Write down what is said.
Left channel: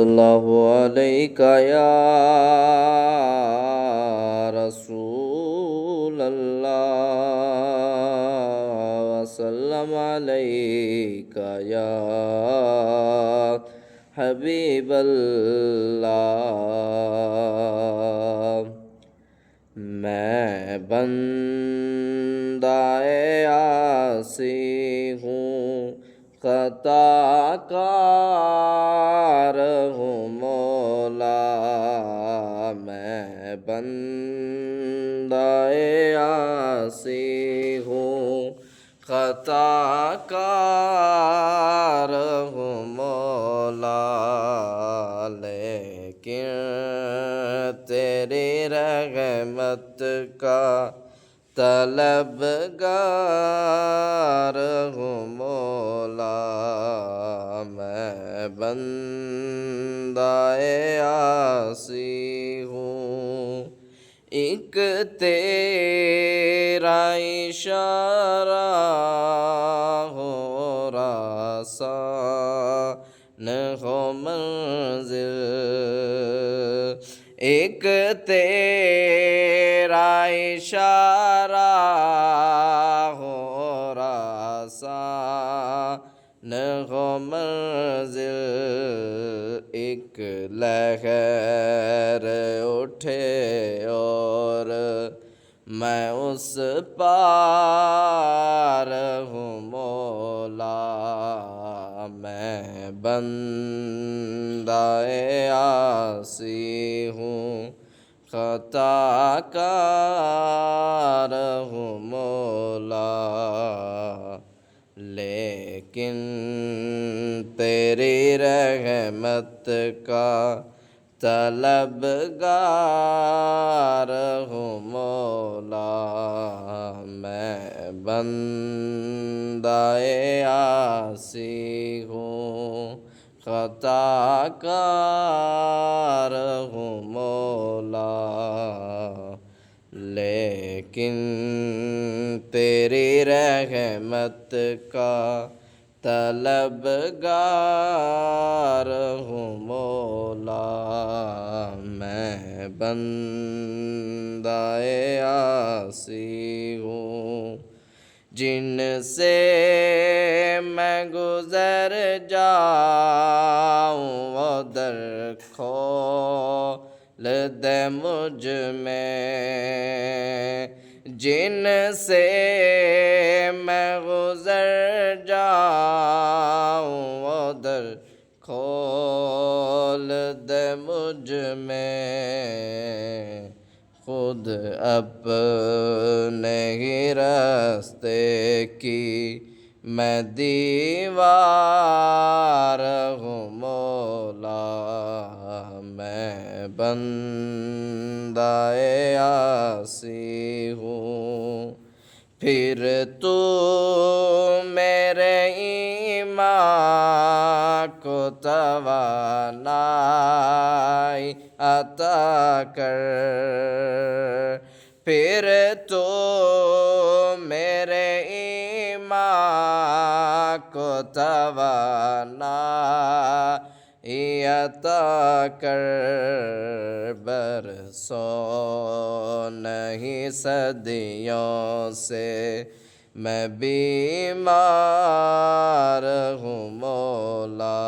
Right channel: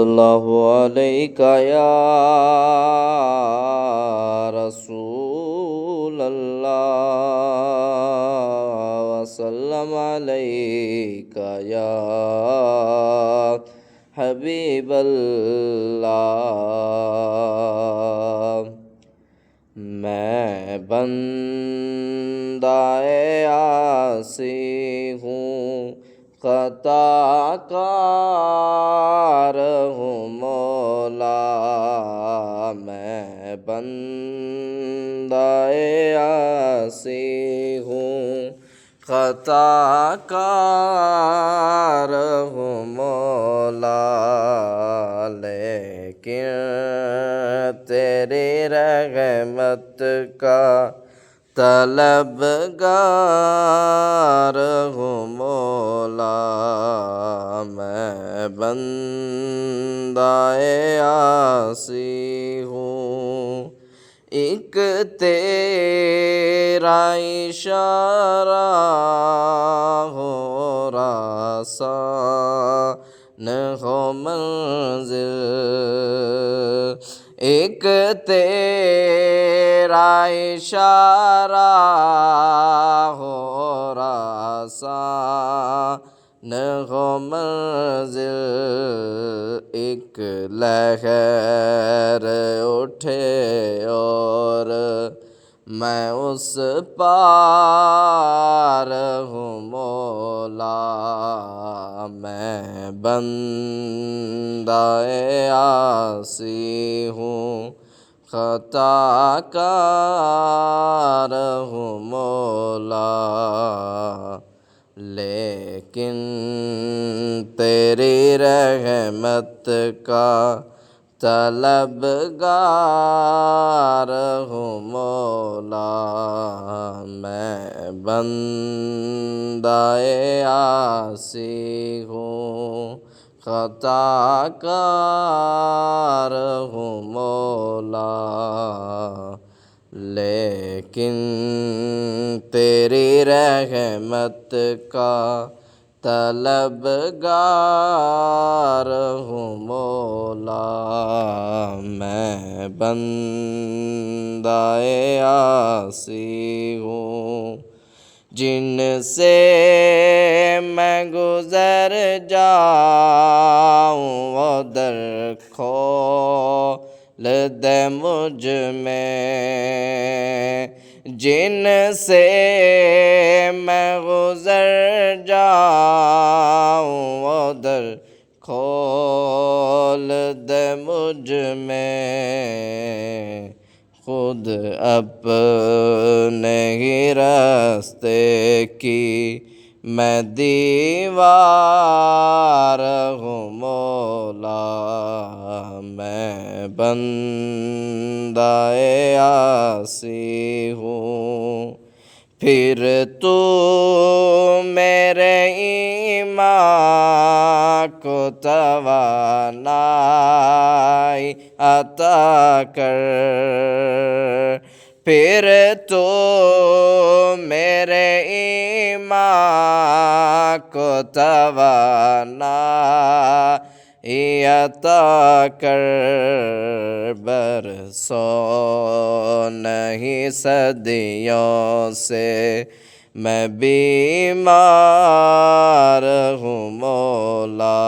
اللہ علیک یا رسول اللہ وسلم علیک یا حبیب اللہ۔ میں بندہ عاصی ہوں، خطا کار ہوں مولا۔ میں بندہ عاصی ہوں، خطا کار ہوں مولا، لیکن تیری رحمت کا طلبگار ہوں مولا۔ میں بندہ عاصی ہوں، ایک تیرا اشارہ ہو آسان ہو منزل، ایک تیرا اشارہ ہو آسان ہو منزل، ایک لہر اٹھے اور میں اس پار ہوں مولا۔ میں بندہ عاصی ہوں، خطا کار ہوں مولا، لیکن تیری رحمت کا طلبگار ہوں مولا۔ میں بندہ عاصی ہوں، خطا کار ہوں مولا، لیکن تیری رحمت کا طلبگار ہوں مولا۔ میں بندہ عاصی ہوں، جن سے میں گزر جاؤں وہ در کھول دے مجھ میں، جن سے میں گزر جاؤں وہ در کھول دے مجھ میں، خود اپنے ہی راستے کی میں دیوار ہوں مولا۔ میں بندہ عاصی ہوں، پھر تو میرے ایمان کو توانائی عطا کر، پھر تو میرے ایمان کو توانائی عطا کر، برسوں نہیں صدیوں سے میں بیمار ہوں مولا۔